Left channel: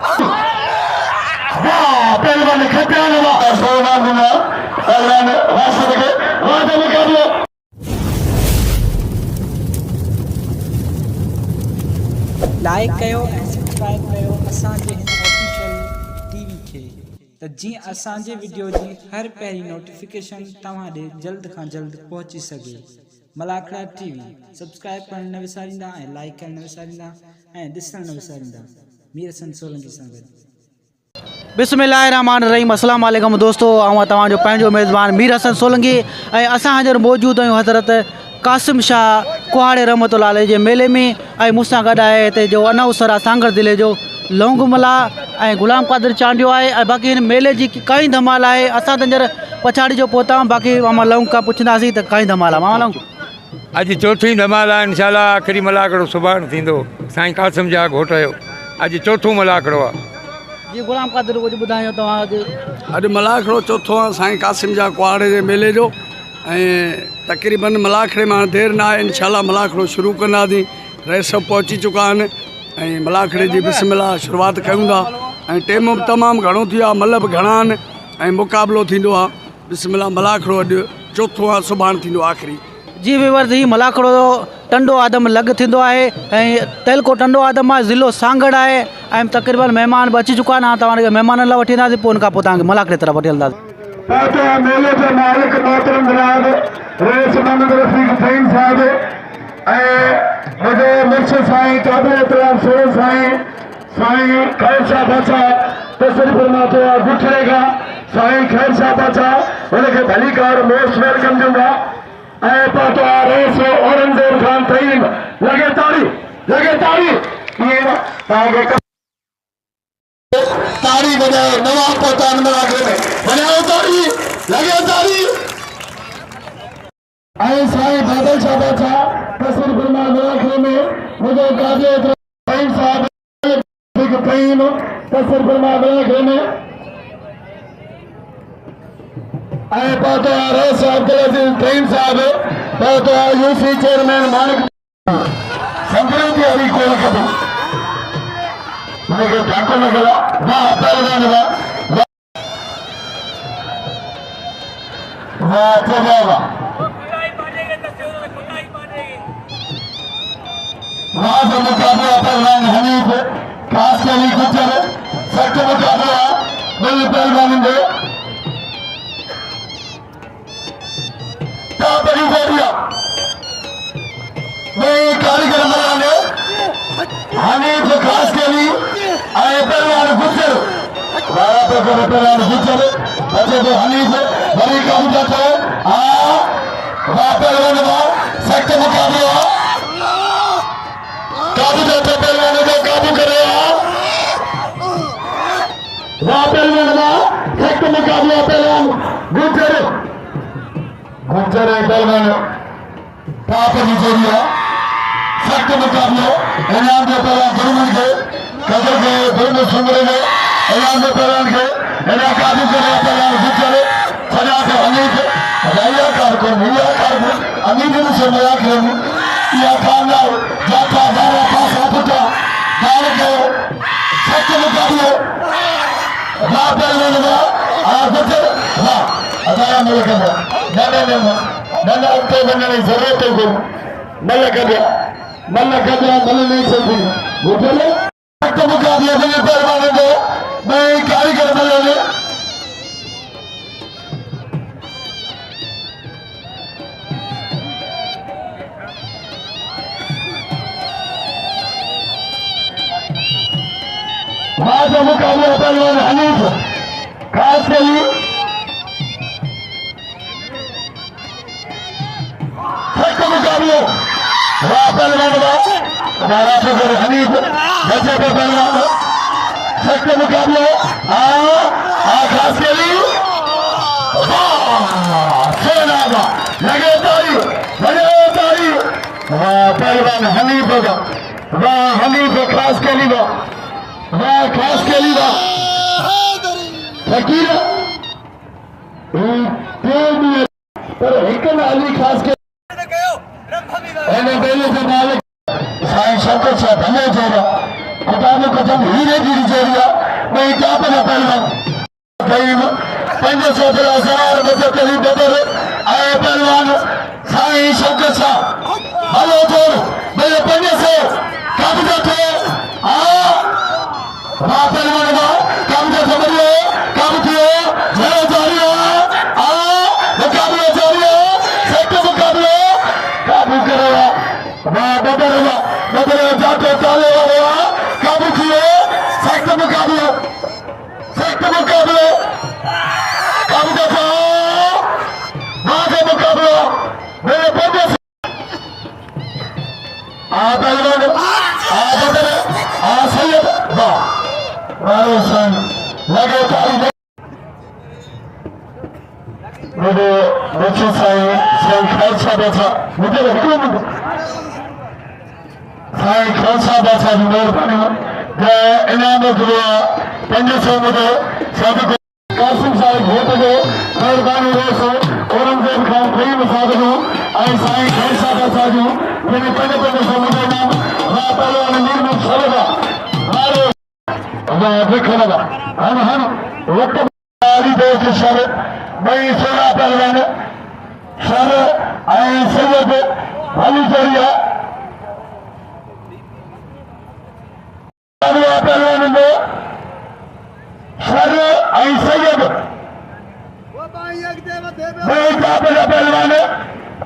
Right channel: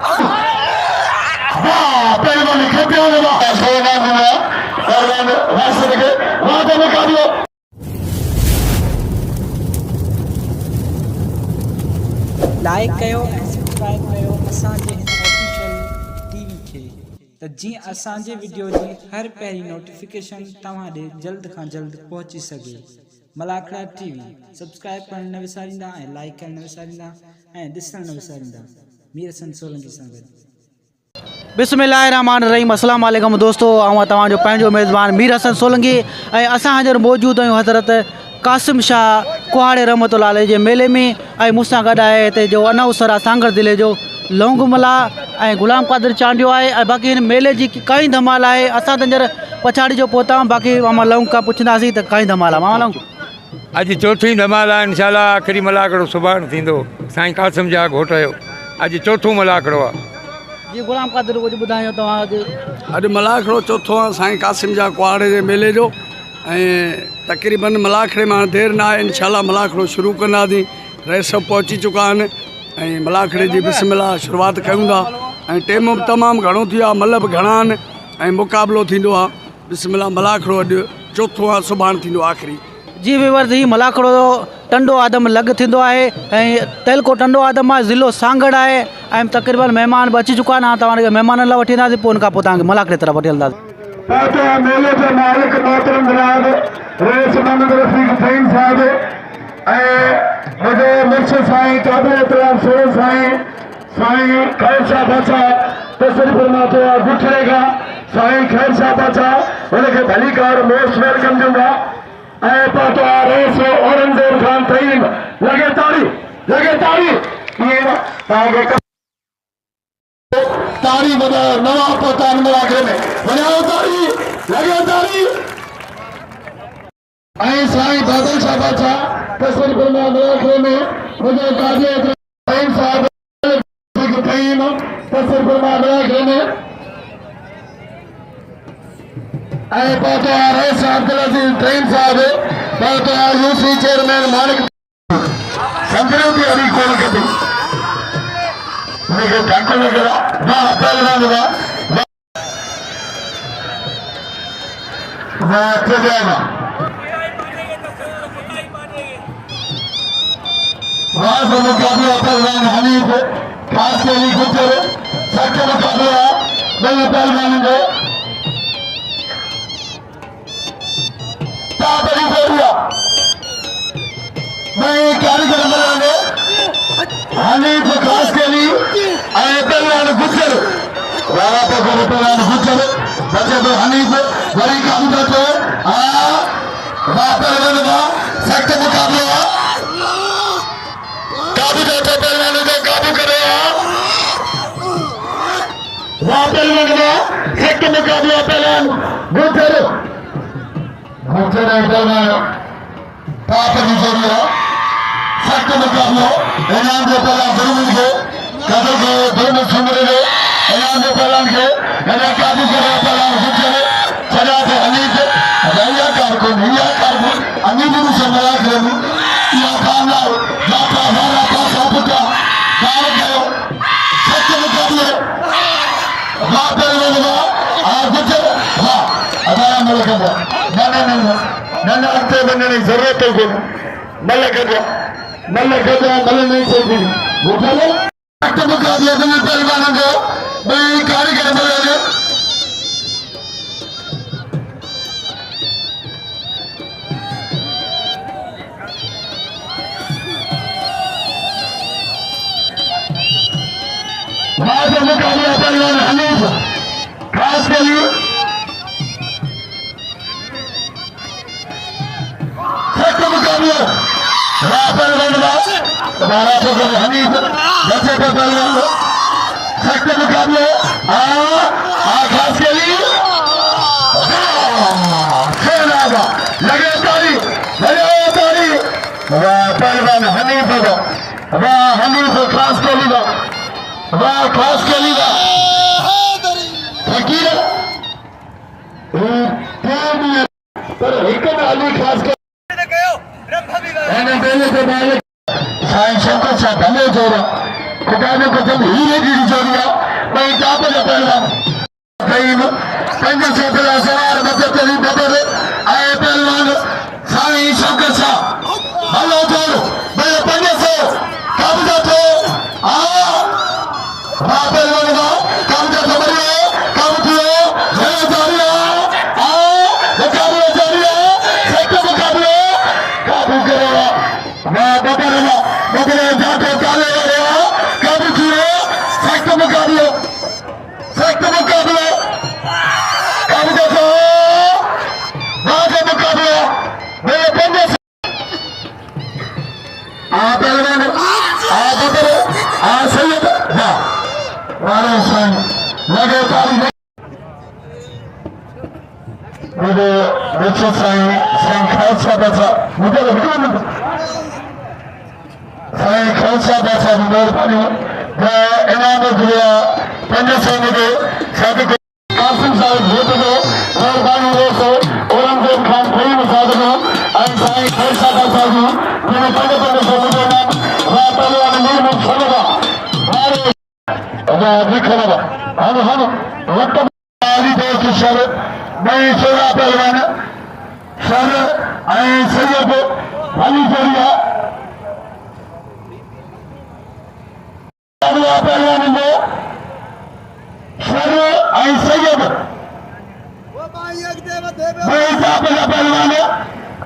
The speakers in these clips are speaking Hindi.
वाह पहलवान खपे वाला सोना गुना पहलवान वास्ते के वादा मुकाबलो लाइक कयो ऐं सब्सक्राइब कयो असांजे हिन ऑफिशियल टीवी खे त जीअं असांजे वीडियो जी हर पहिरीं नोटिफिकेशन तव्हां ॾे जल्द खां जल्द पहुची सघे। मलाखड़ा टीवी सब्सक्राइब करण न विसारींदा ऐं लाइक करण न विसारींदा ऐं ॾिसण न विसारींदा। मीर हसन सोलंकी सां गॾु। बिस्मिल्लाहिर्रहमानिर्रहीम। अस्सलाम वालेकुम दोस्तों, आउं तव्हांजो पंहिंजो मेज़बान मीर हसन सोलंकी ऐं असां हींअर मौजूदु आहियूं हज़रत कासिम शाह कुहाड़े रहमतुल्लाह अलैह जे मेले में ऐं मूंसां गॾु आहे हिते जो अनाउंसर आहे सांगड़ ज़िले जो लौंगमला ऐं गुलाम कादिर चांडियो आहे ऐं बाक़ी हिन मेले जी काई धमाल आहे। असां त हींअर पछाड़ी जो पहुता आहियूं, बाक़ी मामा लौंग खां पुछंदासीं त काई धमाल आहे। मामा लौंग अॼु चौथी धमाल आहे, इंशाल्लाह आख़िरी मलाकड़ो सुभाणे थींदो साईं कासिम जा घोट जो। अॼु चौथों मलाकड़ो आहे जी। गुलाम कादिर कुझु ॿुधायो तव्हां अॼु मलाखड़ो चौथो आहे साईं कासिम जा कुहाड़े जे मेले जो ऐं तक़रीबन मलाखड़े में देरि न आहे, इंशाल्लाह मलाखड़ो शुरू कंदासीं। रहे सभु पहुची चुका आहिनि ऐं मलाखड़े जी बिस्मिल्लाह शुरूआत कयूं था ऐं टाइम बि तमामु घणो थी आहे, मल बि घणा आहिनि ऐं मुक़ाबिलो थींदो आहे। बिस्मिल्लाह मलाखड़ो अॼु चौथो आहे, सुभाणे थींदो आख़िरी। जी विवर्स ही मलाखड़ो टंडो आदम लॻ थींदो आहे ऐं तेलको टंडो आदम आहे, ज़िलो सांगड़ आहे ऐं तक़रीबन महिमान बि अची चुका आहिनि। तव्हांखे महिमाननि लाइ वठी वेंदासीं, पोइ उनखां पोइ तव्हांखे मलाखड़े तरफ़ वठी हलंदासीं। मेले के मालिक मोहतरम जनाब रईस मोहम्मद रफीक फहीम साहब ऐं मुझे मुर्शिद साईं काबिल एहतराम सोहन साईं साईं खैर शाह बादशाह तशरीफ फरमाते हैं गुठरेगा साईं खैर शाह बादशाह उनके भली कार मोस्ट वेलकम दूंगा ऐं पातो रईस औरंगजेब खान फहीम लगे ताड़ी ये ताड़ी बजाओ नवा पता मलाखड़े में बजाओ ताड़ी लगे ताड़ी ऐं साईं बादल शाह बादशाह तस्वीर फिल्मा मलाखड़े में मुझे काजी फहीम साहब फहीम तस्वीर फिल्मा मलाखड़े में ऐं पातो रईस अब्दुल अजीज फहीम साहब पातो यूसी चेयरमैन मालिक संजय की अभी कोल कभी मुझे ठाकुर लगा ना पहलवान लगा वाह तो जाएगा वहाँ से मुकाबला पहलवान हनीफ खास के लिए कुछ सच्चा मुकाबला बल्ले पहलवान को ताबड़ी दे दिया मैं कारीगर बनाने हनीफ खास के लिए आए पहलवान गुजर रारा पर पहलवान गुजर बच्चे तो हनीफ बड़ी काम करते हैं पहलवान का सख्त मुकाबला काबू करते पहलवानों को काबू करे पहलवान का सख्त मुकाबला पहलवान गुजर पहलवान टाप नीचे दिया सख्त मुकाबला ऐलान के पहलवान जरूर के कदर के दोनों सुंदर के ऐलान के पहलवान के ऐलान काबू करे पहलवान गुजर सजा तो हनीफ भैया कारकुन हिया कारकुन हनीफ से मजा करेंगे या कामयाब जाता जाना पासा पुटा कार गयो सख्त मुकाबले वाह पहलवान वाह गुजर वाह अदाया मेरे के नन्हे अत्ते बनने की जरूरत है मल्ल नहीं चलती सख्त मुकाबले दोनों पहलवानों को मैं कारीगर बनाने आज मुकाबला पहलवान हनीफ खास के लिए सख्त मुकाबला पहलवान हनीफ बच्चे पे पहलवान सख्त मुकाबला खास के लिए लगे ताड़ी पहलवान हनीफ होगा हनीफ खास के लिए खास के लिए फकीर पर एक अली खास के से मालिक साईं शंकर साहब हमें जोड़ा खिताब कसम हीरे की जोड़िया भाई टाप का पहलवान कईम 500 किलो सवार बचे करी बदल आए पहलवान साईं शौकत शाह हलो जोर भाई 500 कब्जा तो पहलवान का कब्जा खबर है कब थियो जय जोड़िया मुकाबला जोड़िया सेक्टर मुकाबला काबू करो बदल जाके काले वाले काबू किए सेक्टर मुकाबला काबू देखो मुकाबला मेरे बंदे पहलवान बदल सैयद वाले साईं लगे तारीख मेरे बच्चे साईं खालसा बचा मुझे साईं खालसा बचा की मेहरबानी इनाम दिया 500 मुझे साथ कासिम साहिब वोट दो मेहरबानी हो सो औरंगजेब खान कोई मुसाद दो साईं खालसा बचा जो मैंने 500 मुझे नाम पहलवान निर्मल चलेगा वाह देखो बाबा हम वक्त दोस्त शर भाई सोना पहलवान शर सैयद वाली जोड़िया पहलवान में शर सैयद पहलवान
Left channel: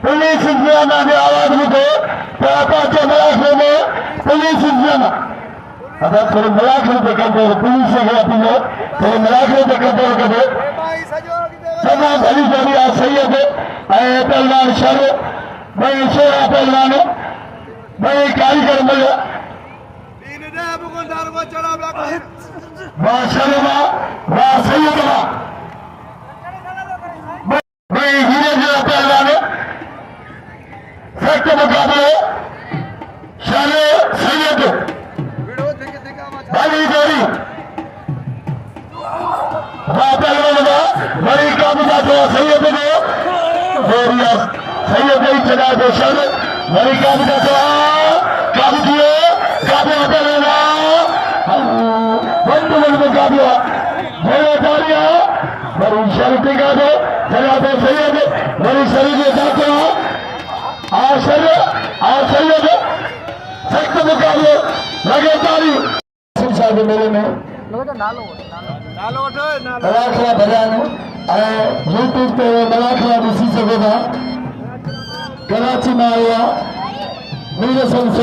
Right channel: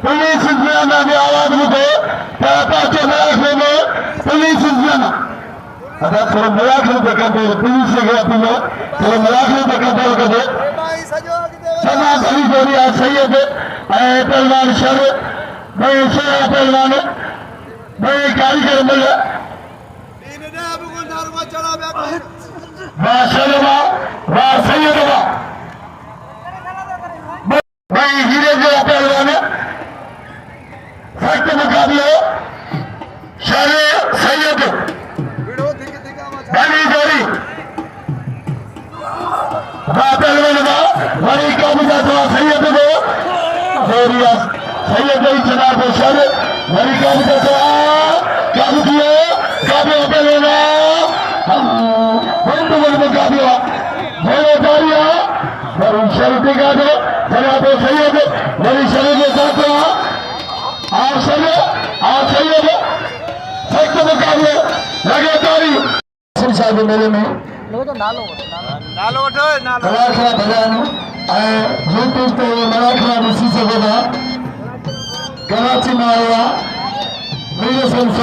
पुलिस इंतजाम ने आवाज मुझे पापा के मराठे में पुलिस इंतजाम अगर थोड़ा मराठे देखते पुलिस से गया पिलो थोड़ा मराठे देखते कदे समा भली जोड़िया सैयद पहलवान शर भाई सोना पहलवान भाई कारीगर मिले वाह शर्मा वाह सैयद भाई हीरे का पहलवान सख्त मुकाबले शर सैयद भली जोड़ी वाह पहलवान बड़ी काबिजा तो सैयद दो जोड़िया सैयद ही चला दो सर बड़ी काबिजा तो काबू किए काबू पहलवान मुकाबला मेरे जोड़िया बड़ी शरीफ का दो चला दो सैयद बड़ी शरीफ जाता सैयद सख्त मुकाबले लगे तारी साहिब मेले में मराठा भॼन यूट्यूब ते मराठा ॾिसी सघो था कराची में आयो आहे 16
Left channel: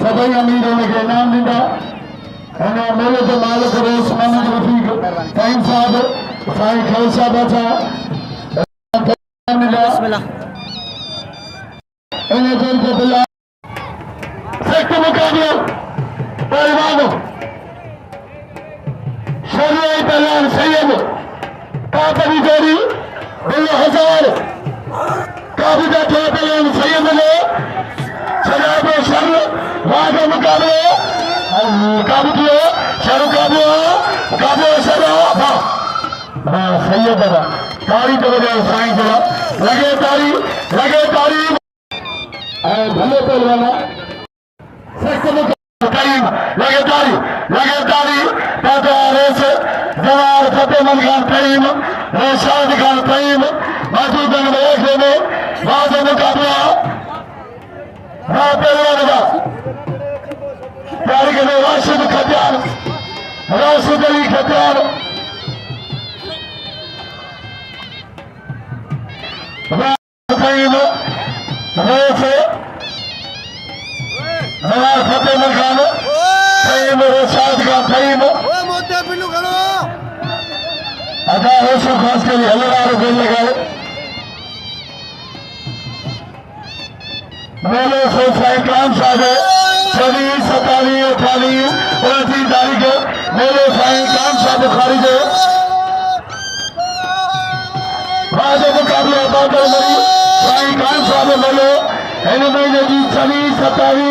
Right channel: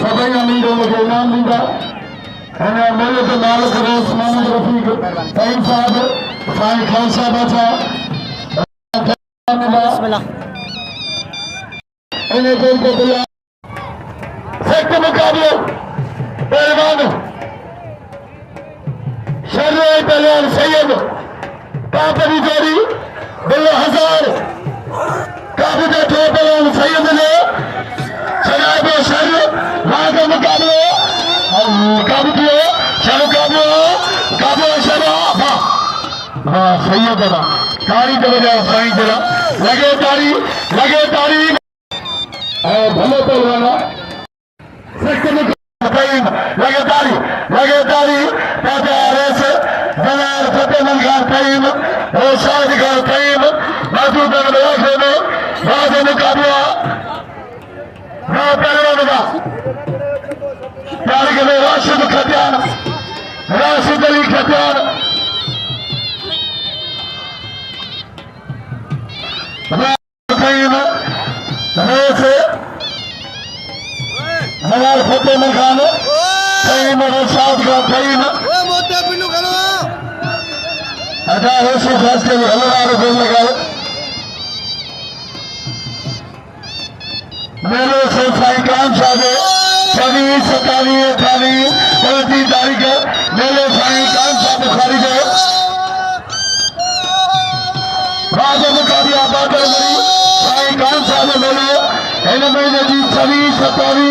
सभई अमीर हुनखे इनाम ॾींदा हिन मेले जो मालिक उस्मानी रफ़ीक साईं साहिब साईं खालसा बचा इन जोर के बुला सख्त मुकाबलो पहलवान शर पहलवान सैयद काबी जोड़ी बिल्लो हजार काबी का पहलवान सैयद ने शराब शर वाद मुकाबले काबू किया शर काबू शराब हाँ सैयद का तारी करेगा साईं जरा लगे तारी भले पहलवाना सख्त मुकाबला लगे तारी ताजा रेस जवान फतेहमंद खान करीम रशाद खान करीम महबूब बन बाद मुकाबला पहलवान का तारीख में राशिद खतियान राशिद अली खतियान करीम रेस जवान फतेहमंद खान करीम रशाद खान करीम अदा रसूल खास के लिए हलवार गोल लगाओ मेले से साईं कान साहब 26, 27, 28, 29 तारीख मेले साईं कान साहब बुखारी जो बाद मुकाबला बादल मरी साईं कान साहब मेले इन महीने की 26, 27,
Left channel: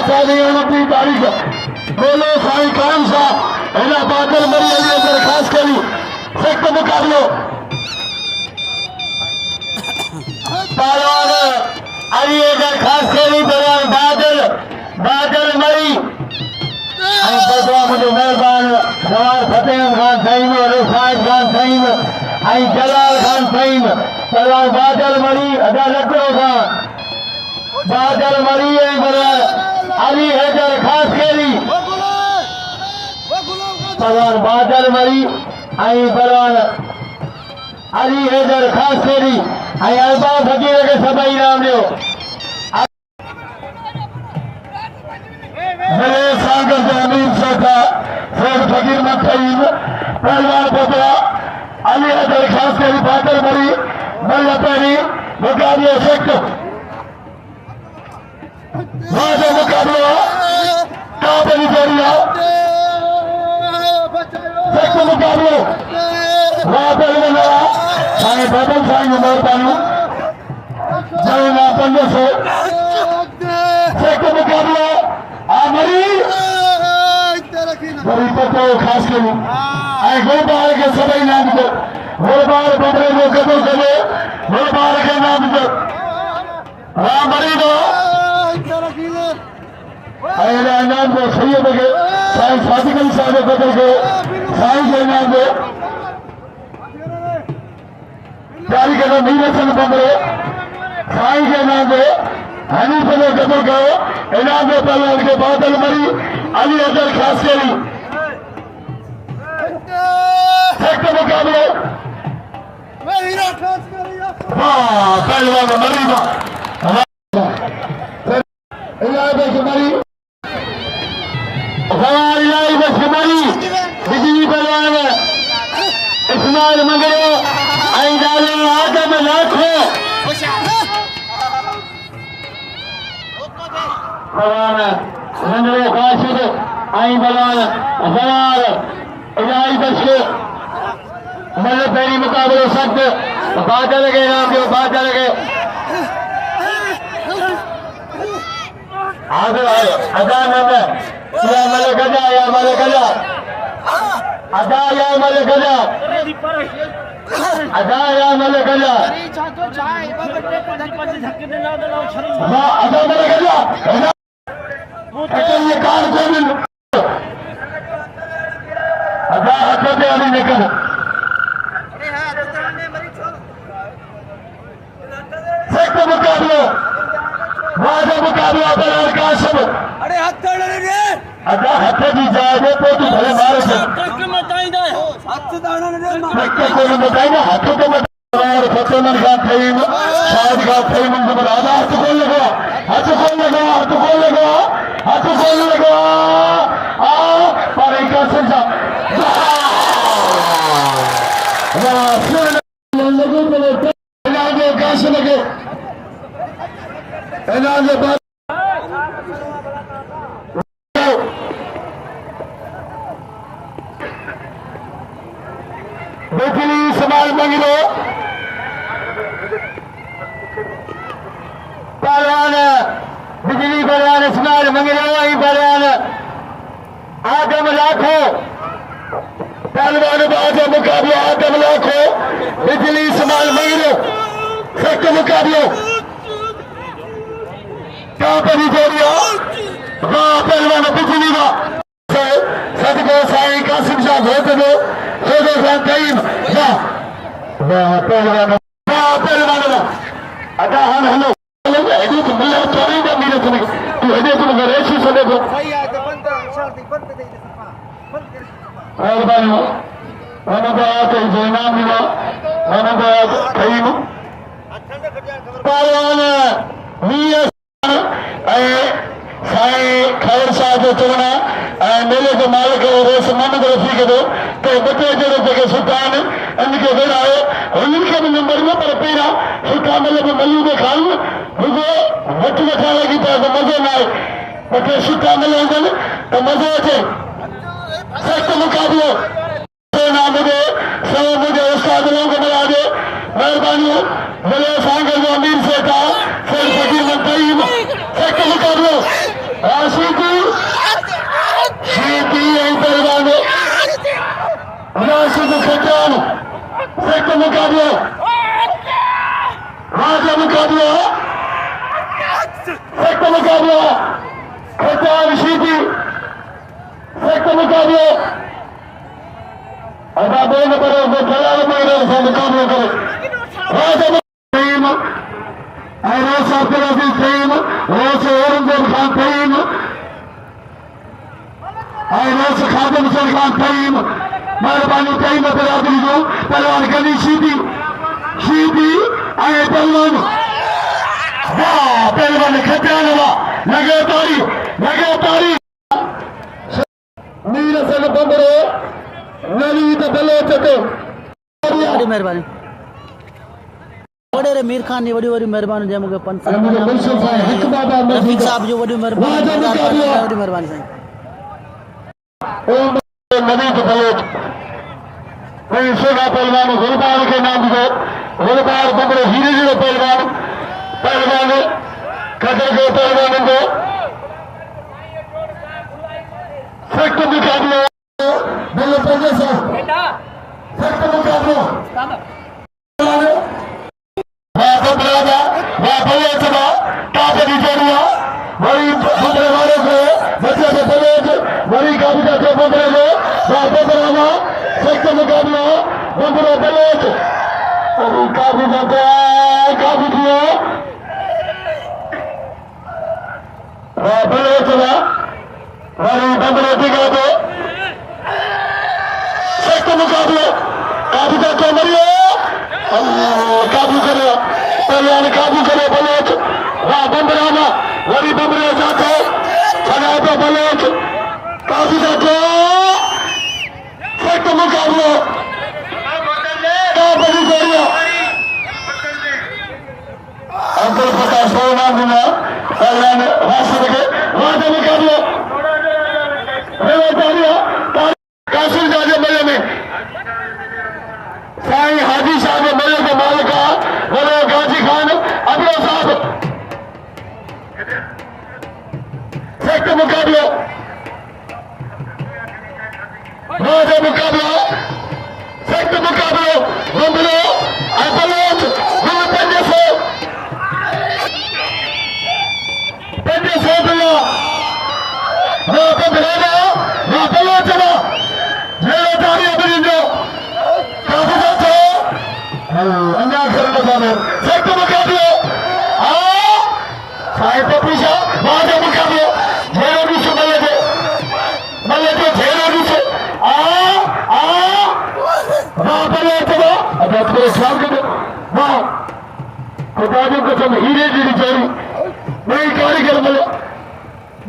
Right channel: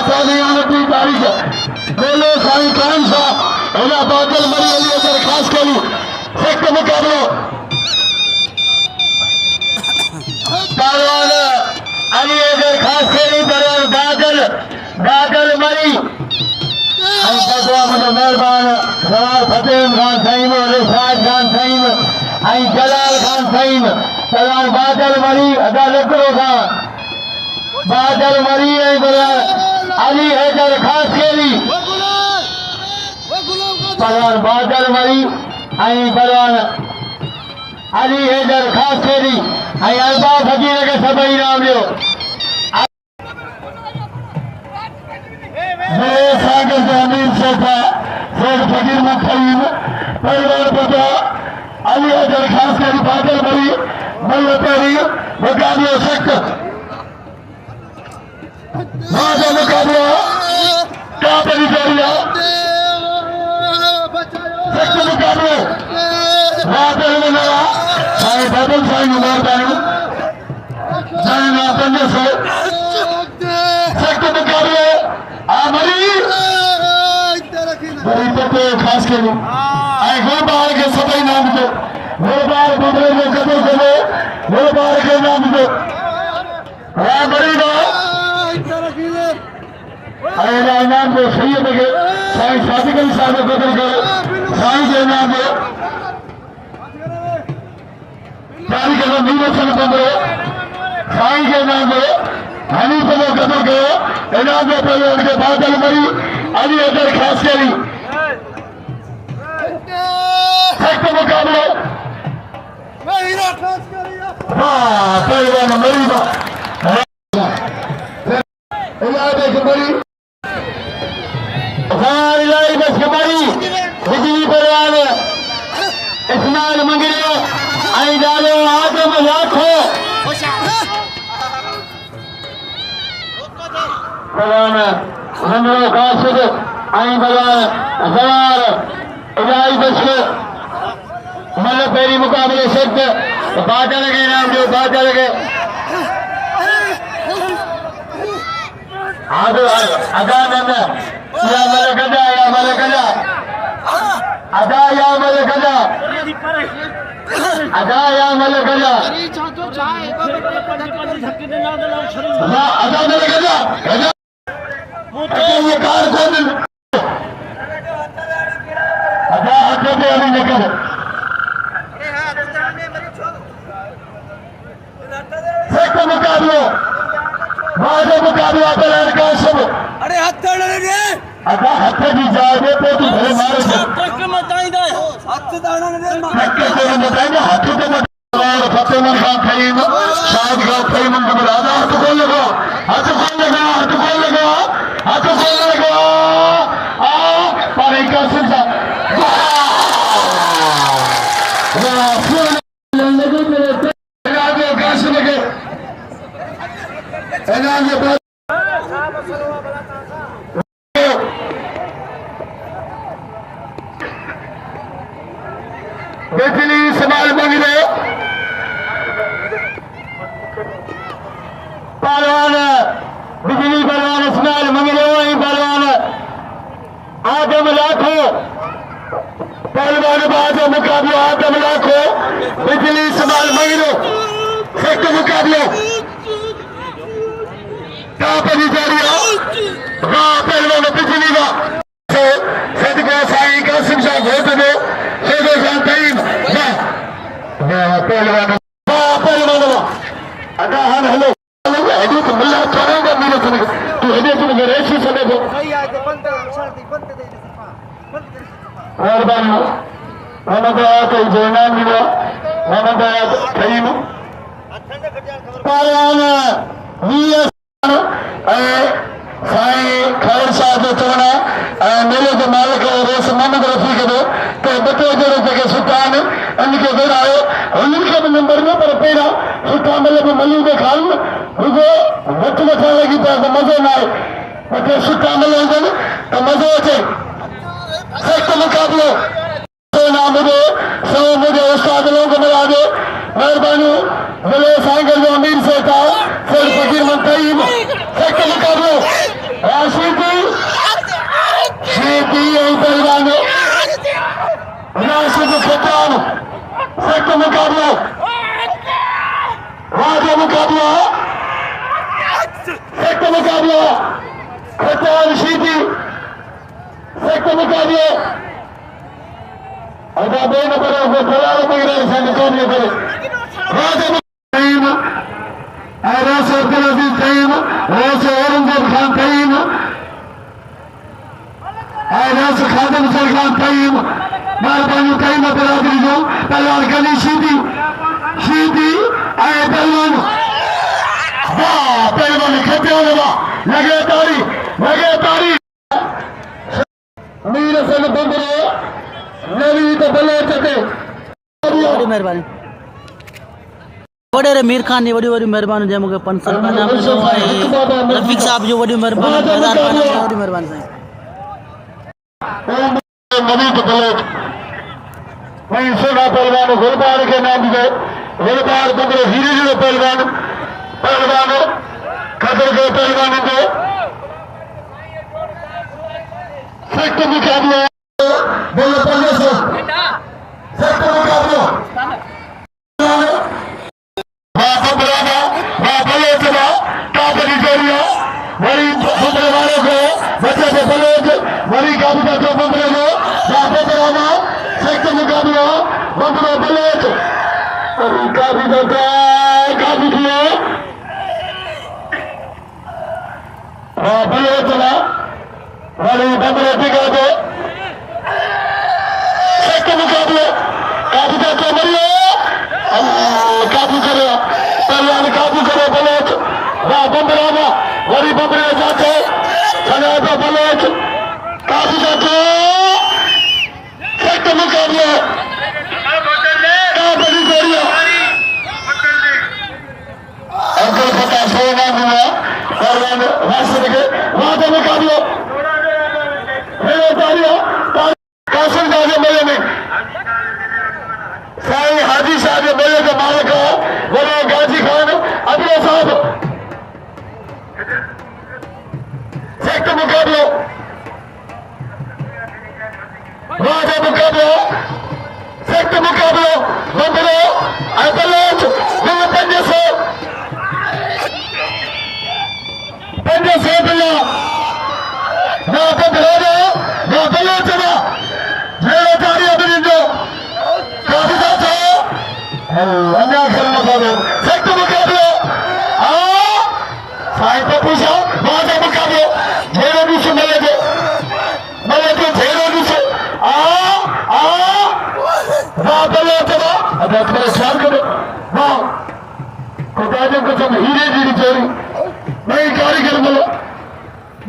28, 29 तारीख मेले साईं कान साहब इन बादल मरी अली दरखास्त करी सख्त मुकाबलो पहलवान अली दरखास्त करी बादल मरी ऐं बदला मुंहिंजो महिरबानी सवार फतेह खान साईं रिशाद खान साईं ऐं जलाल खान साईं पहलवान बादल मरी अदा लकड़ो खान बादल मरी ऐं पहलवान अली हैदर ख़ासि केरी पहलवान बादल मरी ऐं पहलवान अली हैदर ख़ासि केरी ऐं अल्बा फकीर खे सभई इनाम ॾियो मेरे सागर से अमीर सोफा शेख फकीर मुखीम पहलवान बचा अली हैदर ख़ासि केरी बादल मरी मल्ल पेरी मुकाबला सख्त राजा मुकाबला काबली पेरिया सख्त मुकाबले राजा मंगला साईं बादल साईं महिरबानी जय ना 500 सख्त मुकाबले बड़ी पतो खास करो ऐं गुलबार के सभई नाम दो गुलबार बबरे को कदर करे गुलबार के नाम दो राम बड़ी दो ऐं नाम दो सैयद के साईं सादिक अली साहब को कदर करो साईं के नाम दो तारीख के मीर हसन बबरे साईं के नाम दो हनीफ को कदर करो इनाम दे पहलवान के बादल मरी अली हैदर ख़ासि केरी सख्त मुकाबले पहलवान मरी मरी बिजली पहलवान इस्माइल मंगरे ऐं डाले आदम लाखो पहलवान मंगरो काशिद ऐं पहलवान सवार इलाही दशके मल पेरी मुकाबले सख्त बादल के नाम जो बादल के अदा नंदा या मल गजा या मल गजा अदा या मल गजा अदा या मल गजा अदा मल गजा ये कार कौन अदा हाथ पे अभी निकल सख्त मुकाबला वादा मुकाबला पहलवान कासिम अदा हाथ की जाए तो तू भले मारे कोई बताइए हाथों को फतेह खान खरीम शाहिद खान खरीम राजा हाथ खोल लगा हाथ खोल लगा हाथ खोल लगा हाथ खोल लगा पर कासिम बिजली इस्माइल मंगरे पहलवान बिजली पहलवान इस्माइल मंगरे वही पहलवान आदम लाखो पहलवान बादल मुकाबला आदम लाखो बिजली इस्माइल मंगरे सख्त मुकाबले कापरी जोड़िया पहलवान बिजली का सदको साईं कासिम शाह घोट दो शेख खान कईम पहलवान अदा हान हेलो हेडू तो मल्ला चोरेगा मेरे से तू हेडे तो मगर ऐसे समय को मेहरबानी मैंने कहा कि जयनाम मिला मैंने कहा कईम पहलवान साईं खैर शाह जो चवण मेले के मालिक रेस मोहम्मद रफ़ी के दो तो बटे जड़े जेके सुठा आहिनि उनखे विरायो उन्हनि खे बि नंबर में पर पहिरियों सुठा मतिलबु मलियूं ॾेखारियूं रुगो घटि वठण लॻी त मज़ो न आहे ॿ सुठा मल हुजनि त मज़ो अचे सख़्तु मुक़ाबिलो नाम हुजे सौ मुंहिंजे उस्ताद लोग मिलाजे महिरबानी भले सांगल जो अमीर सेठ आहे शेख फकीर मुखीम सख़्तु मुक़ाबिलो राशिदी पहलवान राशिद खटान सख्त मुकाबला राजा मुकाबला सख्त मुकाबला खटान शीदी सख्त मुकाबलो अदा दो नंबर के खिलाड़ी भी रहे से मुकाबले करे तईम ऐरास अब्दुल अजीज तईम वैसे औरंगजेब खान तईम ऐरास खादिम हुसैन खान तईम मेहरबानी तईम बरादरी जो पहलवान गली शीदी आए पहलवान वाह पहलवान खटे वाला लगे तारी मीर हसन बंबरे नवी तो बलोच के वॾी महिरबानी वॾेरे मीर खान जी वॾी महिरबानी जंहिं मूंखे 500 रुपया इनाम ॾिनो ऐं रफ़ीक साहब जो वॾी महिरबानी 1000 रुपया वॾी महिरबानी साईं नवी तो बलोच नहीं सेना पहलवान गुलबार के नाम दिए गुलबार बंबरे हीरे जो पहलवान खतर के पहलवान को सख्त मुकाबला बोले पहले से सख्त मुकाबला वरी काबू का बंदरे को बातें कराना सख्त मुकाबला बंदरे बलोच काबू करता काबू किए बलोच वरी बंदरे टिके तो सख्त मुकाबला काबू करता मरियो काबू करो पहलवान काबू करो बलोच वाह बंदराना वरी बंदरे जाते चला तो बलोच काबू करते सख्त मुकाबला काबू करियो अब्दुल फता सोना मिला पहलवान वासिर के वादा मुकाबला कासिम साहब मेले में साईं हाजी साहब मेले के मालिक बोले गाजी खान अबरो साहब सख्त मुकाबले मुकाबला सख्त मुकाबलो बंबलो बलोच पंजे से दिलो बंबलो बलोच तारी अपनी जो काफी अन्याय करने वाले सख्त मुकाबले साहित्य पूछो बहुत मुकाबले झेलो भी से मल्ले थे झेलो भी से अब मेरे ख्याल करो वाह खुदाजों को सब हीरे जी चोरी मैं कारीगर बोलो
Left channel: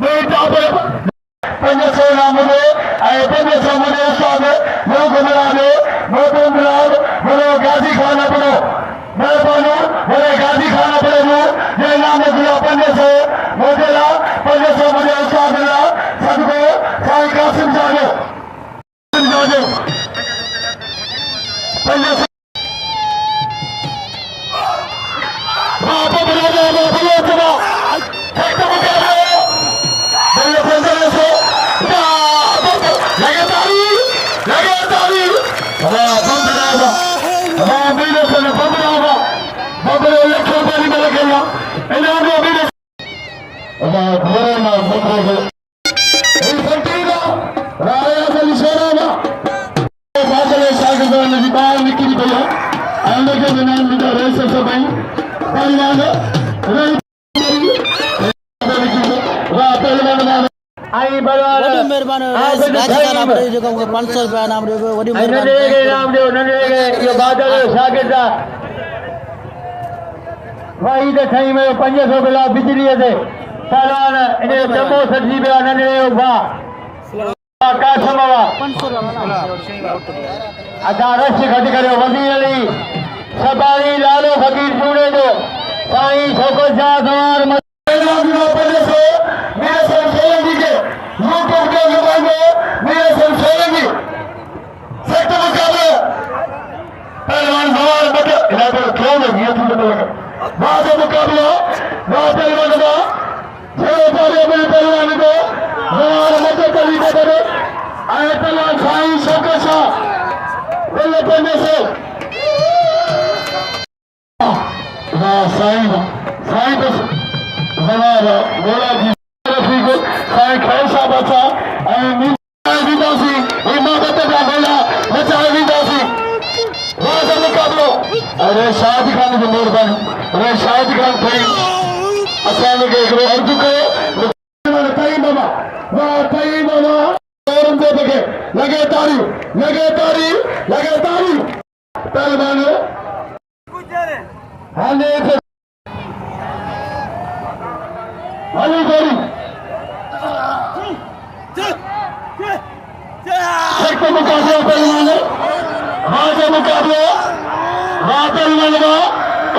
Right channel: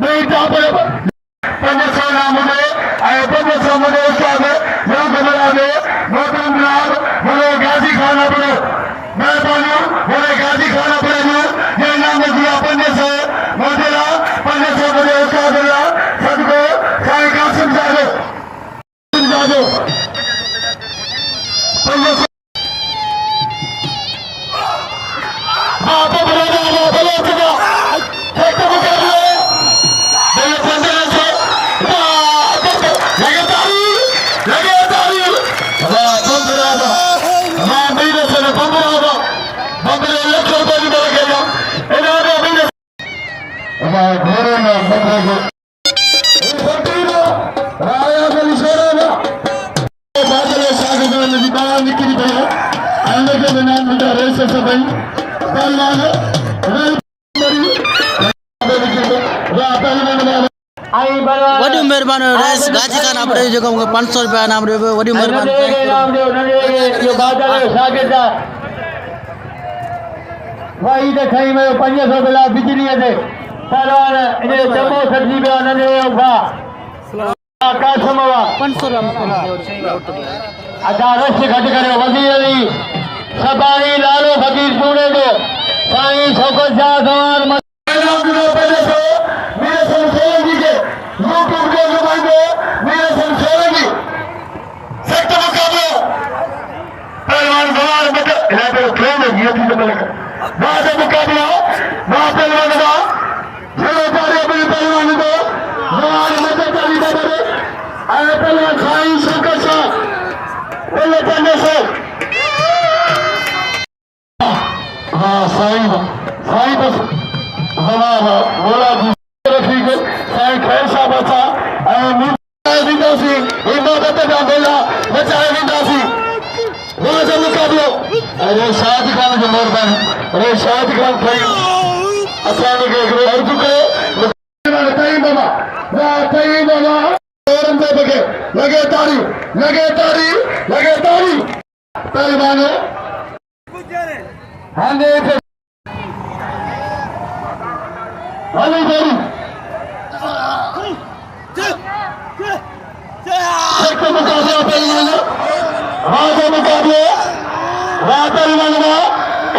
मैं टापर पंज सौ नाम मुझे आए 500 मुझे उस्ताद लोग घुमरा दे मोटू मिलाद बोले गाजी खाना पड़ो मैं बोलूं बोले गाजी खाना पड़े वो ये नाम दिया 500 मोटेला 500 मुझे उस्ताद दिया सबको साईं कासिम साहब 500 बाप बराबर बोले चला एक तो वॾी महिरबानी रेस गाजी खान आपड़े जेको मूंखे 500 रुपया इनाम ॾियो वॾी महिरबानी भाई तो सही में 500 बिला बिजली से पहलवान इने जम्मू सजी पे नंढे उभा कासमवा 500 अदा रश घट करो वज़ीर अली सबारी लालो फकीर पूरे जो साईं शौकत शाह सवार मेरे संसेगी के यूट्यूब के ज़बाने मेरे संसेगी सख्त मुकाबला पहलवान सवार बट इलाके क्यों में ये चीज़ मिलेगा बाद मुकाबला बाद पहलवान का चलो तारे अपने पहलवान को सवार मदद करी करे आए पहलवान साईं शौकत शाह बोले 500 हाँ साईं बस जनाब बोला जी रफीक साईं खैर साहब अच्छा गोला बचाए वींदासीं वाह मुक़ाबिलो अरे शाद खान जो मेहरबानी अरे शाद खान ठही असां खे हिकिड़ो अर्ज़ु कयो ठही मामा वाह ठही मामा औरंगज़ेब खे लॻे ताड़ी तालिबान हाणे हली गोरी सख्त मुक़ाबिलो पहलवान वाह मुक़ाबिलो वाह पहलवान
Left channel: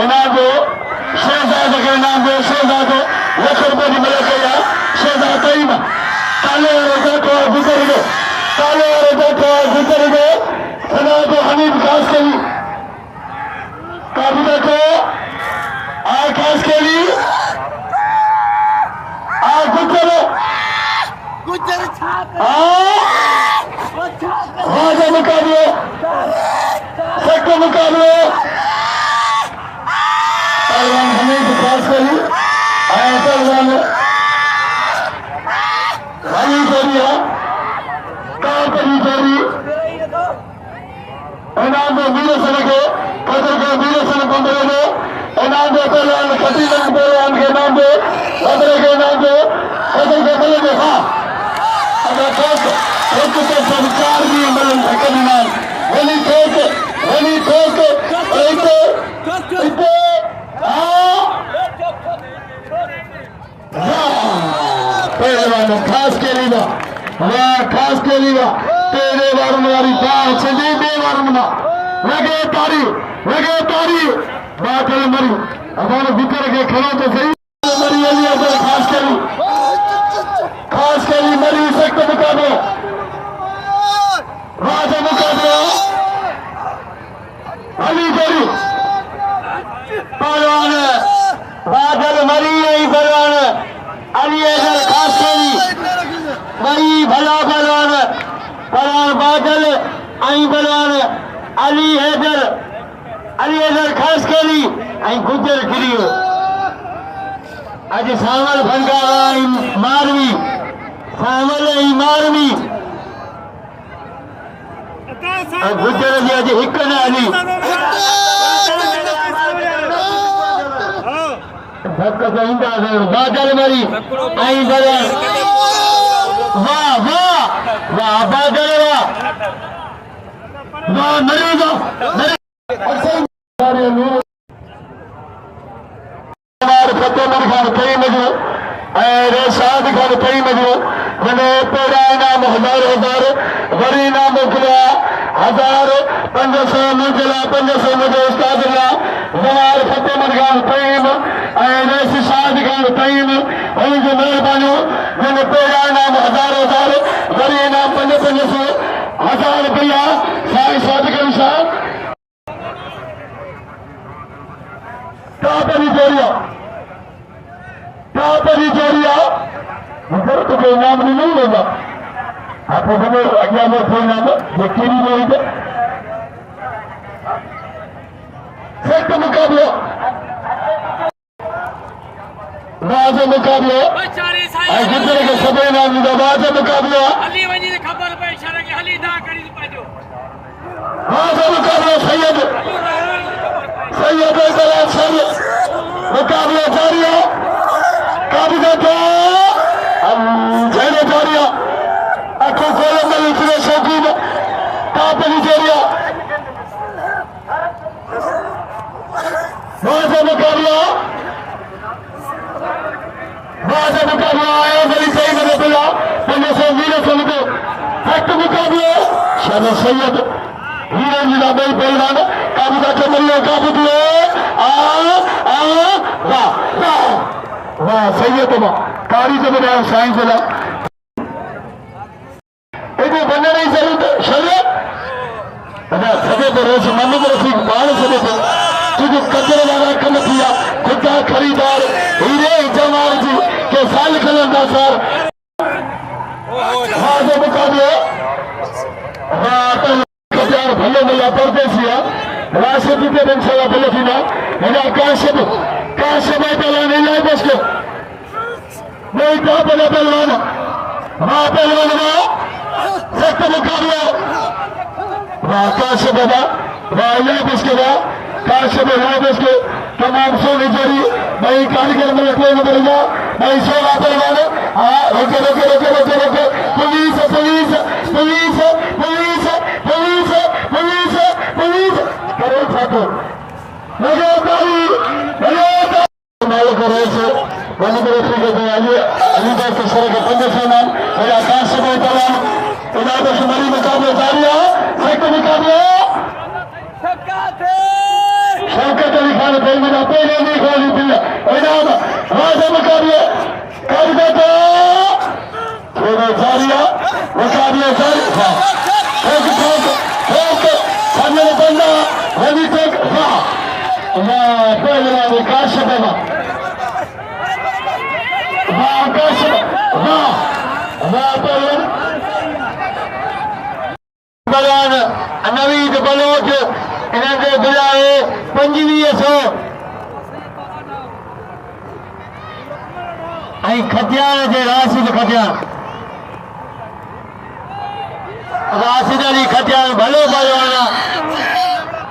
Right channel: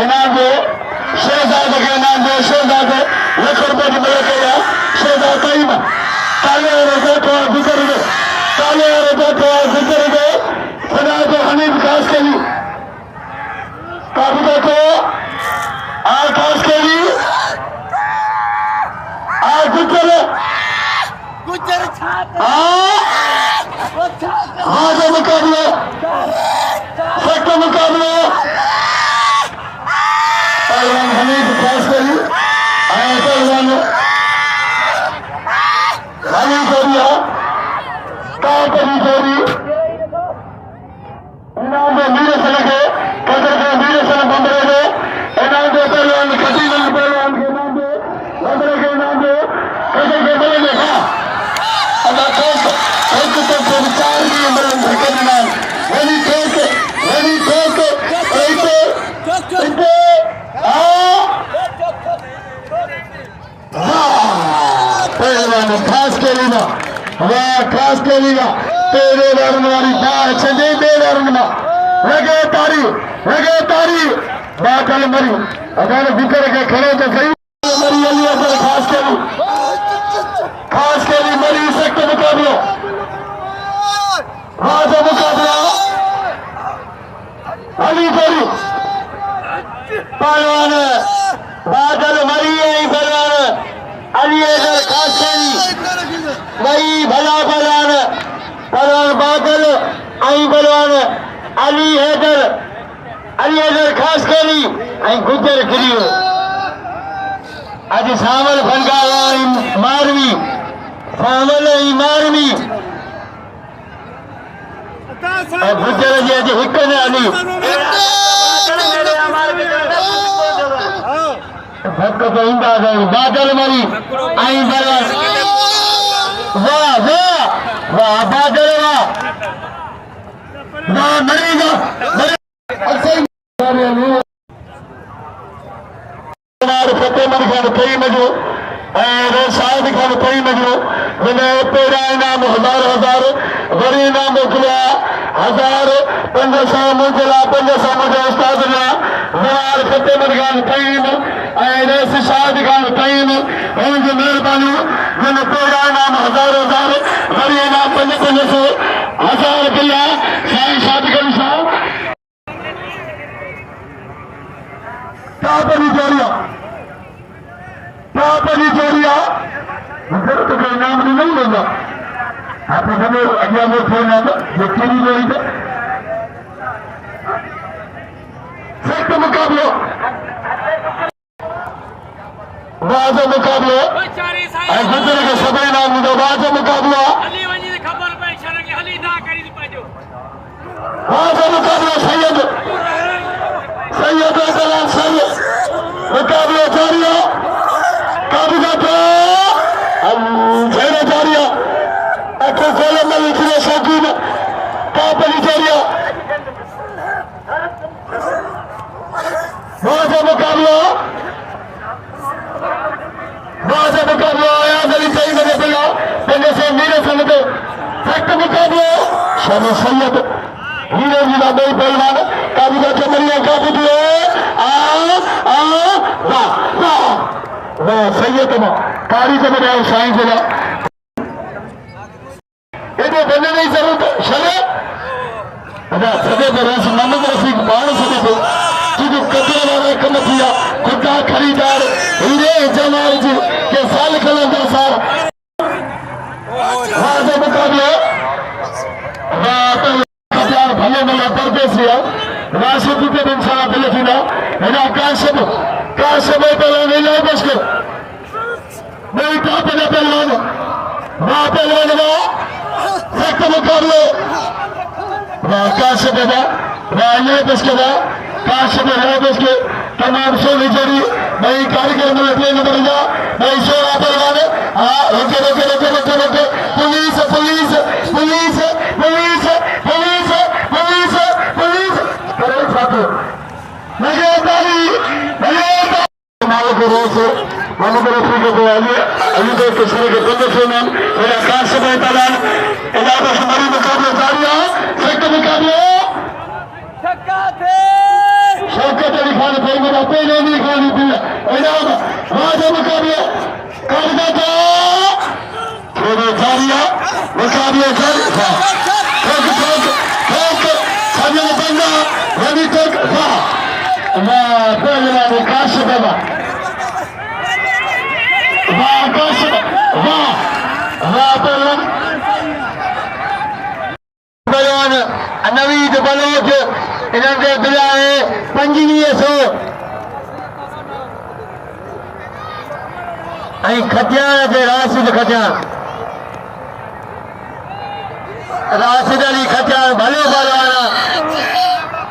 इनाम जो शहज़ाद खे इनाम जो शहज़ाद लख रुपए जी मिले पई आहे शहज़ाद तइम काले वारे बैठो आहे गुज़र गए खुदा जो हनीफ खास करी काबू बैठो आ खास करी आ गुज़र वाह मुक़ाबिलो सख्त मुक़ाबिलो पहलवान हनीफ खास करी पहलवान हनी जोड़ी है कापरी जोड़ी इनाम जो मीरे सलगे कदर के मीरे सल बंदरे इनाम जो पहलवान कटी रंग पहलवान के नाम जो बंदरे के नाम जो कदर के बंदरे हां अगर ठोक एक तो सब चार भी मिलन के नाम वनी ठोक एक पहलवान खास के लिए वाह खास के लिए तेरे वरण वाली बाह छंडे दे वरण में लगे तारी बाकल मरी अचानक बिकर के खड़े तो सही मरी अली अगर खास के लिए मरी सख्त मुकाबला वाह मुकाबला अली जोड़ी पहलवान बादल मरी है पहलवान अली अगर खास करी वही भला पहलवान बादल आई पहलवान अली हैदर खास करी आई गुजर गिरी आज सामल फंगावा मारवी गुजर जी अज हिक न अली धक तो ईंदा बादल मरी आई पहलवान वाह बादल वाह मरेगा फतेहमद खान कई मजो रशाद खान कई मजो मैंने पेड़ा इनाम 1000 वरी इनाम मोकिलिया 1000 500 मुंहिंजे 500 मुंहिंजे उस्ताद लाइ फतेहमद खान कईम रशाद खान कईम हुनजी महिरबानी मैंने पेड़ा इनाम 1000 वरी इनाम 500 1000 रुपया साईं शादगरी साहब कापरी जोड़िया तो कोई इनाम नहीं लेगा आप अगर वो कोई इनाम देखिए नहीं जोड़ी सख्त मुकाबला बाज मुकाबला गुजर के सब इनाम मिलो बाज मुकाबला बाज मुकाबला सैयद मुकाबला जारी है काबिजा जारी है आखो गोले में लिखने शौकीन कापली जारी बाजा मुकाबला आया गली सही बने पिया पंजे से मीरे सुन को सख्त मुकाबला शानो सैयद हीरे जी का बई पहलवान काबिजा चमरिया काबू वाह सैयद कारी से मेरे साइंस से ये बने नहीं जरूरत शरे सदे पर मोहम्मद रफीक बाल सदे पर क्योंकि कदर वाला कम किया खुदा खरीदार हीरे जमाल जी के साल कलंदा साहब वाह मुकाबले वाह भले भले परदेसी राशिद के इंशाल्लाह भले थींदा हिना काशिब पहलवान नहीं जाए बस को नहीं था पहलवान वाह पहलवान सख्त मुकाबलो कासिम बाबा वाले बसके बा कासिम वाले बसके तमाम से विजयी भाई कार्यक्रम में प्ले नंबर जा भाई से आते जाने हां रुके रुके रुके रुके रुके police police police police police police police करे छात्र लगे ताली मालिक रोज मन में रखने को अली भाई के सर के बंदे से नाम मेरा कासिम ताला इलाका हमारी मुकाबले जारी है सेक्टर मुकाबले शौकत अली खान पहले ना पहले नहीं खोली थी इलाका राजा मुकाबले करबता थोड़ा जारी है मुकाबले जारी हां ठोक ठोक ठोक सामने बंदा रवि तक वाह वाह पहले ना कासिम बाबा वाह कासिम वाह वाह पहले बयान नवीद बलोच इन्हें बिलाए 2500 ऐं खटियान जे राशिद खटियान राशिद अली खटियान भले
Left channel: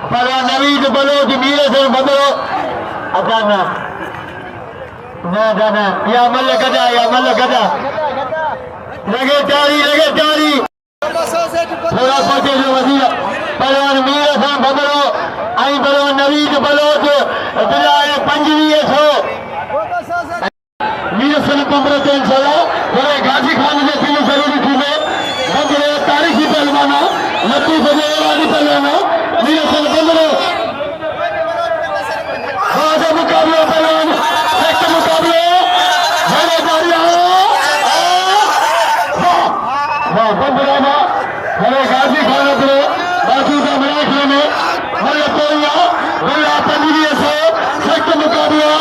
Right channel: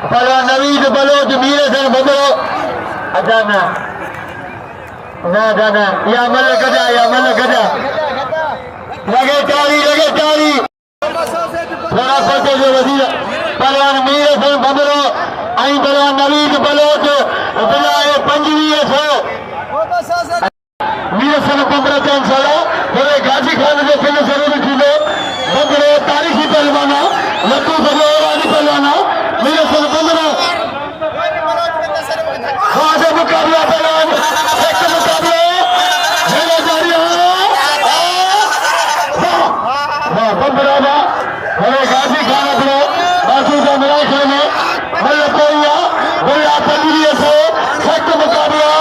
पहलवान नवीद बलोच मीर से बदलो अच्छा न या मल गजा लगे तारी थोड़ा सोचे जो वजीर पहलवान मीर से बदलो आई पहलवान नवीद बलोच बिलाए 2500 मीर से पंद्रह तीन सोलह थोड़े गाजी खान जो फिल्म जरूरी थी बदलो तारीखी पहलवाना लट्टू सजे वाली पहलवाना मीर से बदलो आज मुकाबला पहलवान सच मुकाबला होने जारी है वाह बंदरा हरे गाजी खान अपने बाजू का मिलाई खाने मल्ल कोरिया बुला 2500 सख्त मुकाबला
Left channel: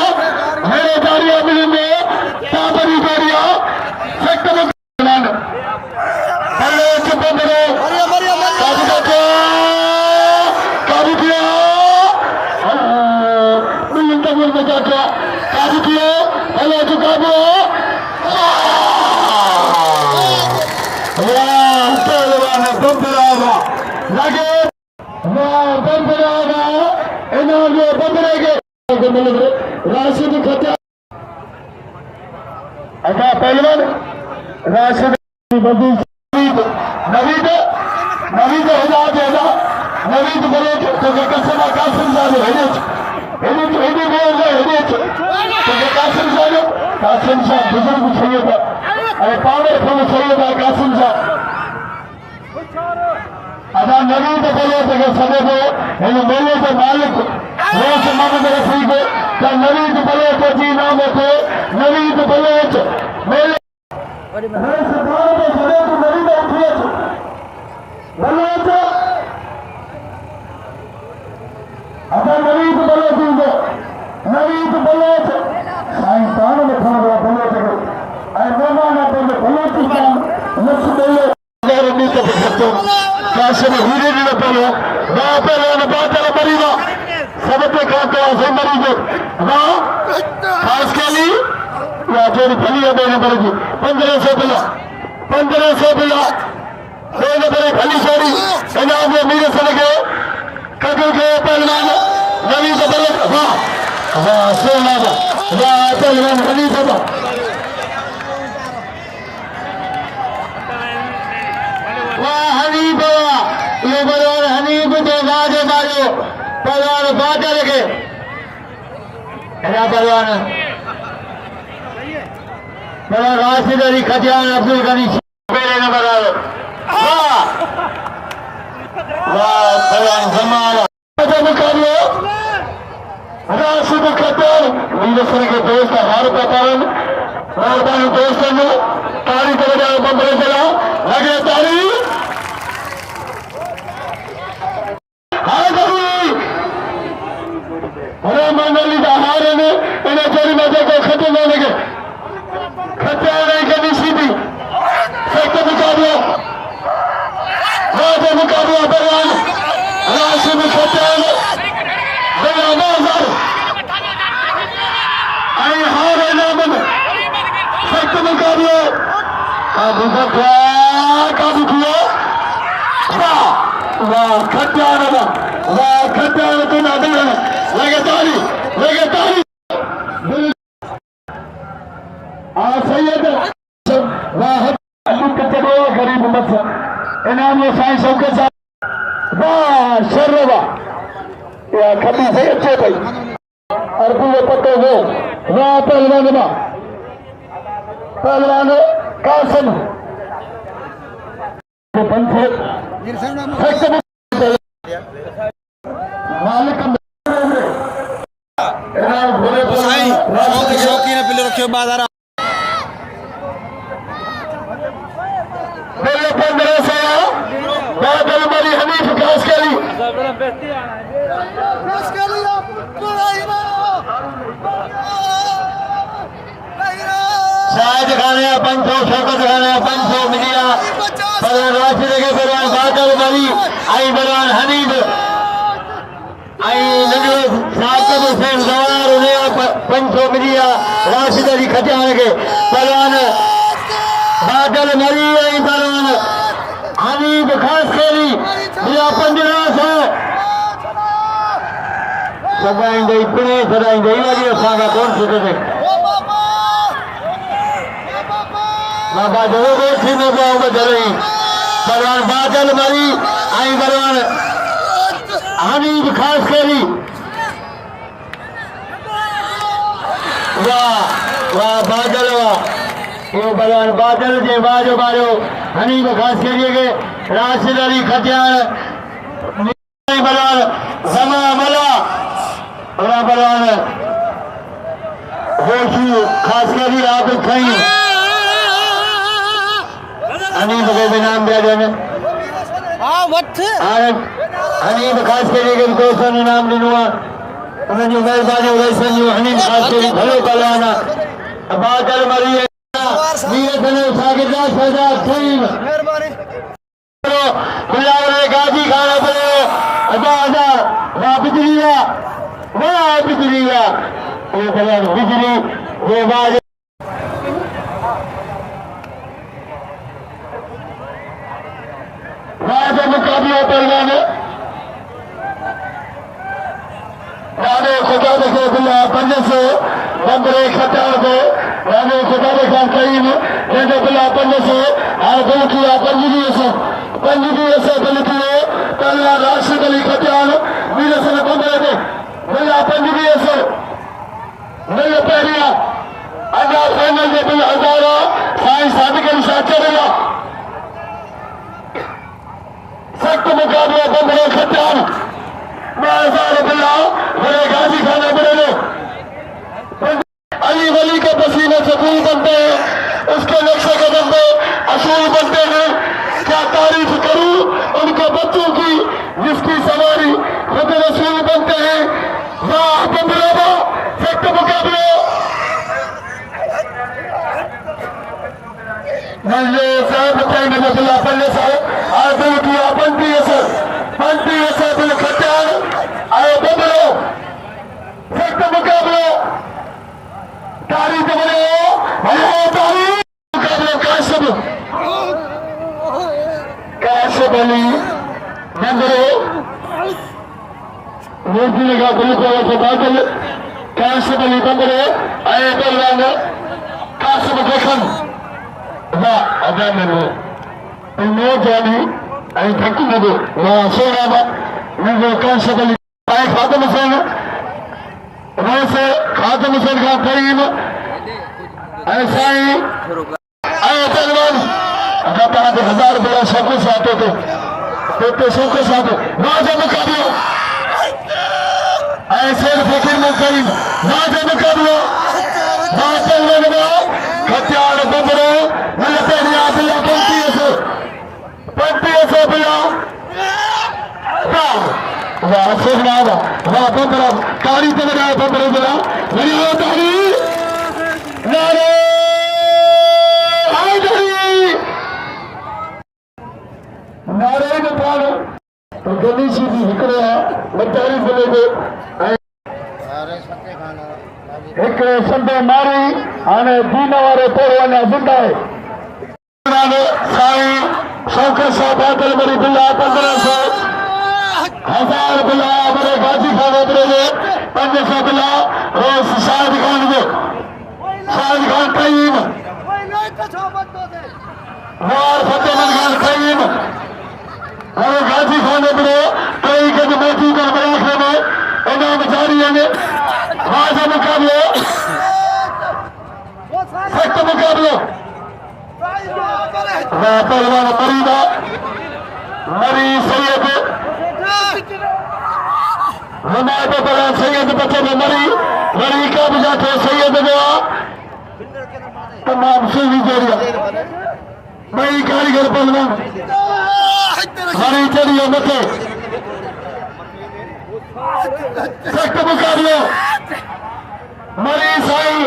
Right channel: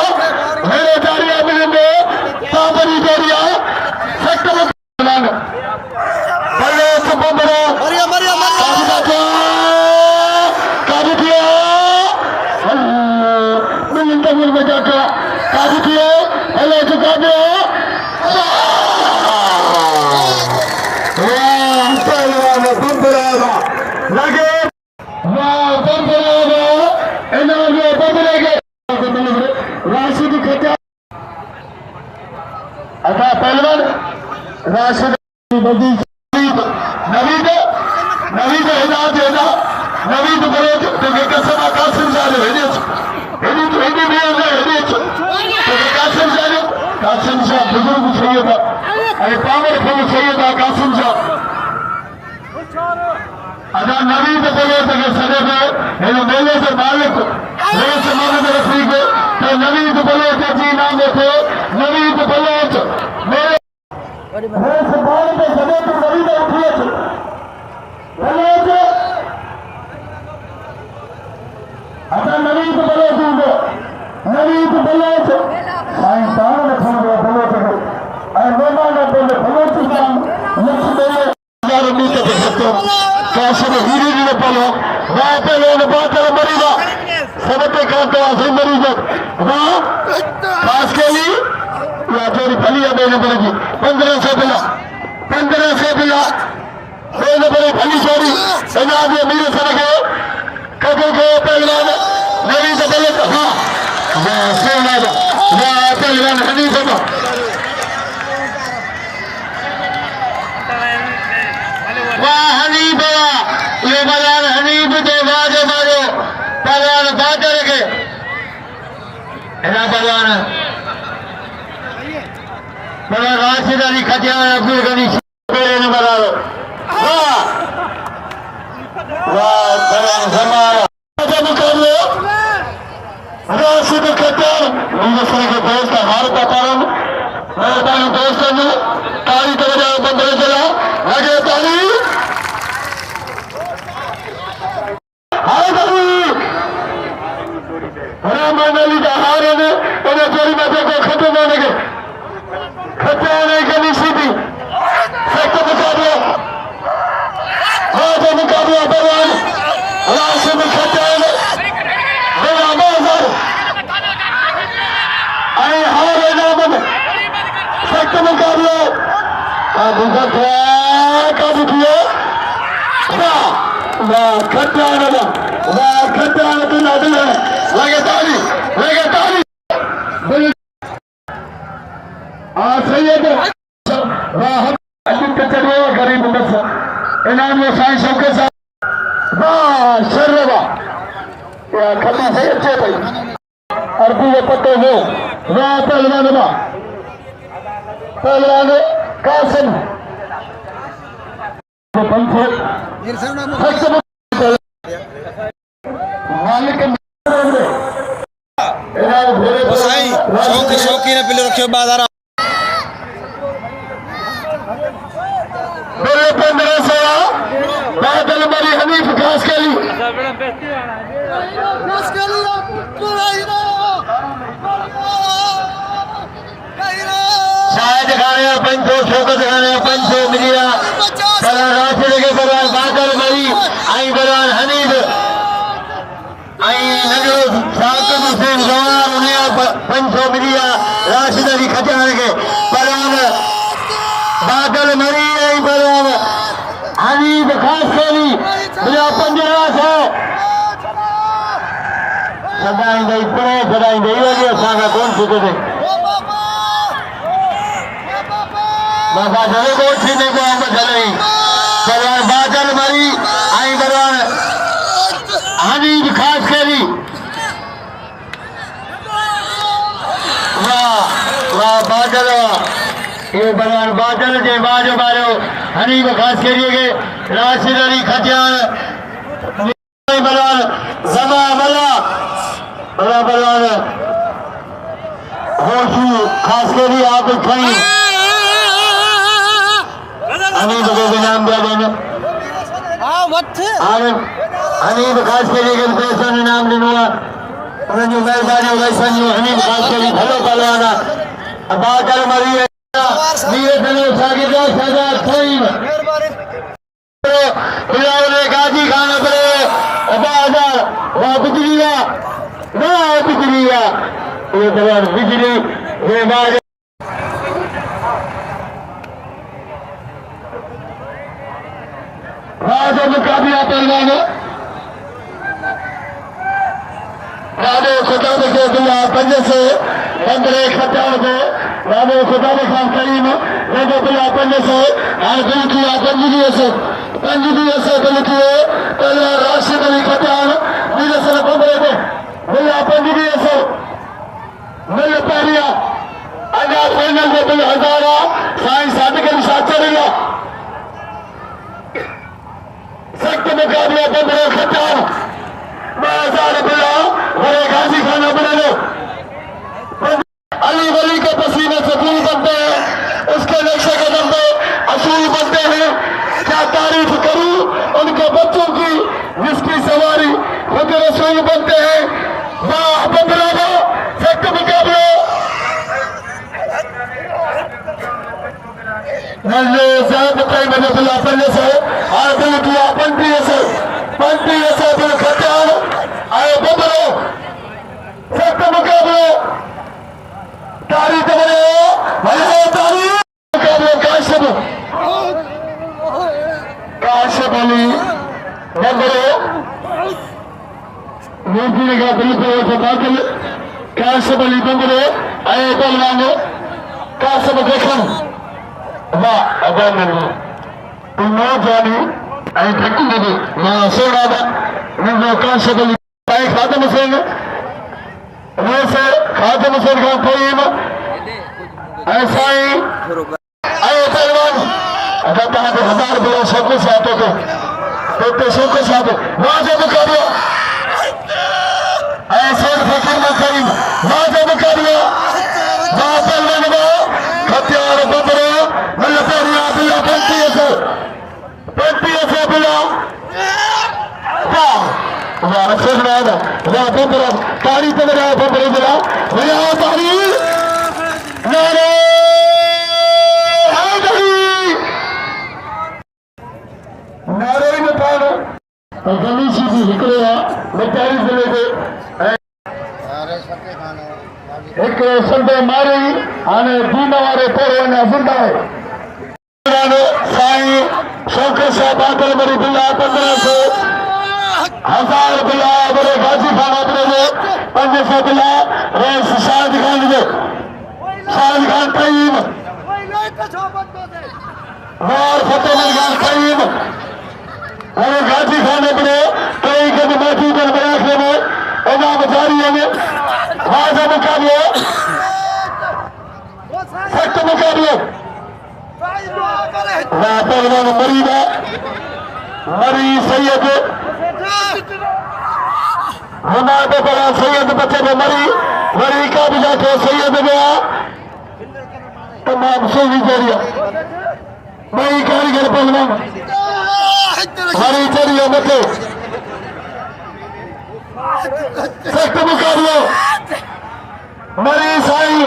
मेरे जारिया मिलेंगे पापरी जारिया सख्त मुकाबला पहले एक बंदरो काबू किया मिलिंद तमीर में जाकर काबू किए पहले चुकाबो लगे राशिद खटिया अच्छा पहलवान राशिद नवीद हिदायत देना नवीद बोलो तो कसम कासिम साहब हिंदी कासिम साहब बुजुर्ग सैयद अरे पावर खम सैयद कासिम साहब अदा नवीद बोलो तो सदे को इन मेले से मालिक रोज मालिक रखी को तो नवीद बोलो तो जी नाम को नवीद बोलो तो मेले रोज मालिक के सदे को नवीद उठिए बोलो तो अदा नवीद बोलो तो नवीद बोलो तो साईं तान में खंडो बोलो तो ऐ मेहमान बोलो बोलो तो लक्ष्य बोलो कासिम हीरे ने पहले वहां पे लोग बात कर मरीजा सबके खाते से मरीजो वहां पास के लिए या जोड़ी भली है मेरे बड़ी 1500 बिला कोई बड़ी भली जोड़ी जनाब ने मेरे से के कदम के पहलवान नवी से बड़े वाह सेना वाह पहलवान हनीफ बाबा वाह हनीफ ये बयान हनीफ के वादे मारो पहलवान बात रखे पहलवान राशिद अली खटियान अब्दुल गनी ने बनाओ वाह वाह पहलवान जमाना मुकाबले राशिद खटियान दूसरे के दोस्त हार का कारण मेहरबानी दोस्तों ने ताली तो बजाओ बंदर चला लगे ताली मानली का हार ने उन्हें जोड़ी में देखो खत्म होने के खत्म होने के नहीं सीधी सख्त मुकाबला राजा मुकाबला बयान राशि में खत्म बड़ा मौजूद आई हार नाम में सख्त मुकाबला अब काबू किया वाह खट्टान वाह खट्टान तो ना दे लगे ताली सैयद वाह अजीब कचरे गरीब बस इनाम में साईं शौकत साहब वाह शर्रवा या खट्टी सैयद छे भाई अरबी के पत्ते हो वाह पहलवान कासिम तो पंखो शौकीन प्लेयर रखे बाजार मेरे पंद्रह से बादल मेरी हनीफ खास के लिए साज खाने पंचो शौकत खाने पंचो मिलिया बरान राशिद के बरान बादल मेरी आई बरान हनीफ आई नगले साकिब हुसैन जवार उन्हें पंचो मिलिया राशिद अली खजान के बरान बादल मरी आई बरान हनीफ खास के लिए मेरा पंद्रह से सदाएंगे इतने सदाएंगे ये वाली असांगा कौन सीधे थे बाबा जरूर कौन सीधे पे होंगे चलें बरान बादल मरी आई बरान हनीफ खास के लिए वाह वाह बादल ये बरान बादल के बाजो बारो हनीफ खास के लिए राशिद अली खतियान बरान जमा मला बरान होशू खास के लिए आप खाई हनीफ को नाम दिया जाने हनीफ खास के लिए पैसा ने नाम लिनुआ उन्होंने मेहरबानी वैसा नहीं हनीफ खास के लिए भले पलाना बादल मरी नीरज ने सागिद सजा थीम बिलावल गाजी खाना पड़े अबादा वाह बिजली वाह बिजली ये बरान बिजली ये बाज राजा मुकाबला पहलवान राणे खुदा के बिला पंज से बंदरे खटार पे राणे खुदा खान करीम जंहिंजो बिला पंज से आगे किया पंजवीह से दिल किए पहले राशिद अली खटार नीले से बंदरे पे बिला पंजवीह से नई पहलिया अजा फाइनल में बिल हजारा साईं सादिक अली शाह चढ़ेगा सख्त मुकाबला बंदरे खटार 2000 बिला बड़े गाजी खाना बड़े लो अली वली के पसीने से फूल बनते हैं उसके नक्शे कदम पे असूल बनते हैं क्या तारीफ करूं उनके बच्चों की जिसकी सवारी खुद रसूल बनते हैं वाह बंदरा सख्त मुकाबला पहले से आए बिल किया 35 से बिल खटार आए बंदरो सख्त मुकाबला तारीख बने मुकाबला काशिफ अली बंदरो मूर्ति का बिल्कुल से बादल काशिफ अली बंदरो आए बंदरो काशिफ देखम वाह अदा मेरे तुमने जानी आई थकी दे मैं सोना बा मुझे काशिफ अली आए खातम हुसैन रोसे खातम हुसैन का करीम ऐसा ही आए पहलवान अगर कहा 1000 रुपया सबके साथ तो सबके साथ राजा मुकाबला ऐसे फकीर में करीम राजा मुकाबला पहलवान हथियार बंदरो वाह बंदरा तारी बंदरा बंदरे बना बजाओ तारी नारे नारे में पालो तो गली सीधी हिकड़ो है मिठाई जिले के एक संदे मारी आने दीन वाले पोरवाने जिंदा है साईं शौकत साहब बादल मरी बिल्ला 1500 1000 बिला बड़े गाजी खाने पड़े 500 बिला रेस शाहिद खान दे शाहिद खान कईम और फतेहमंद खान कईम और गाजी खाने पड़े कई के मौजूद है बयाखरे में इनाम जारी है आज मुकाबले सख्त मुकाबले पहलवान मरीदा मरी सैयद हमारे बड़ा सैयद बच्चे में मरी का बुझा थे सैयद गया तमाम सूफी जरिया मरी कारीगर पहलवान मरी जरिया बच्चे सख्त मुकाबले मरी साई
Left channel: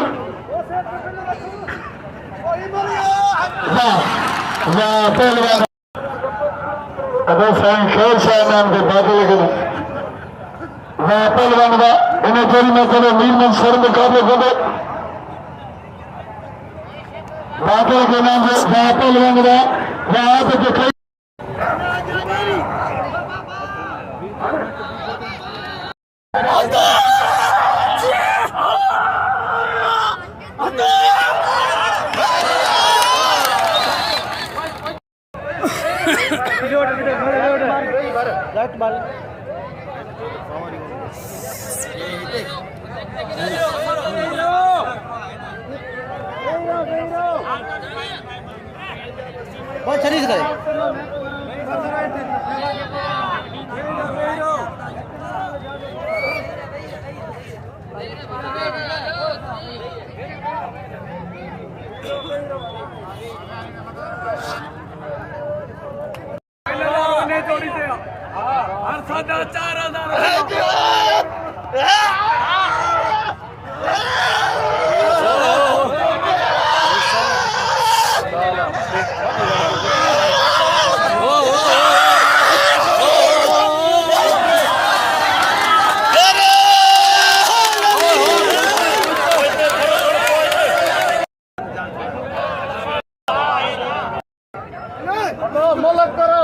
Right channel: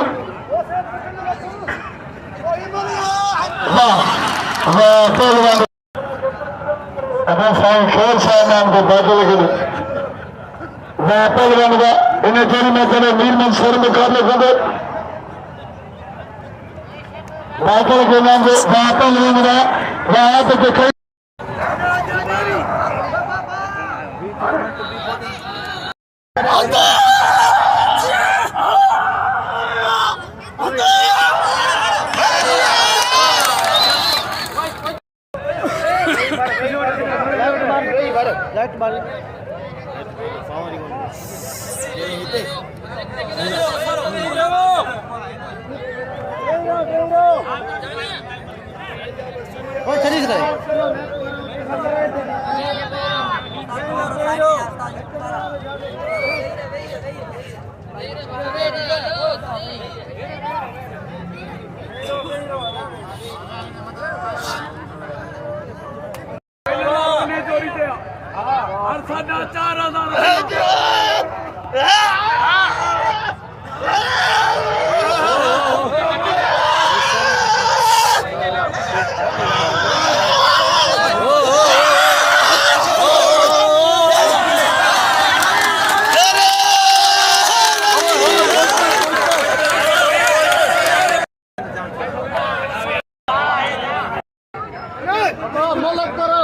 हाँ पहलवान अबे साईं खेल शाह नाम के बादल करे पहलवान का इन्हें तेरी में करे मीर मंसूर मुकाबले करे बादल के नाम से पहलवान का वहां पे तो कोई राइट बाल वो शरीर करे साढ़ा 4000 मलक करो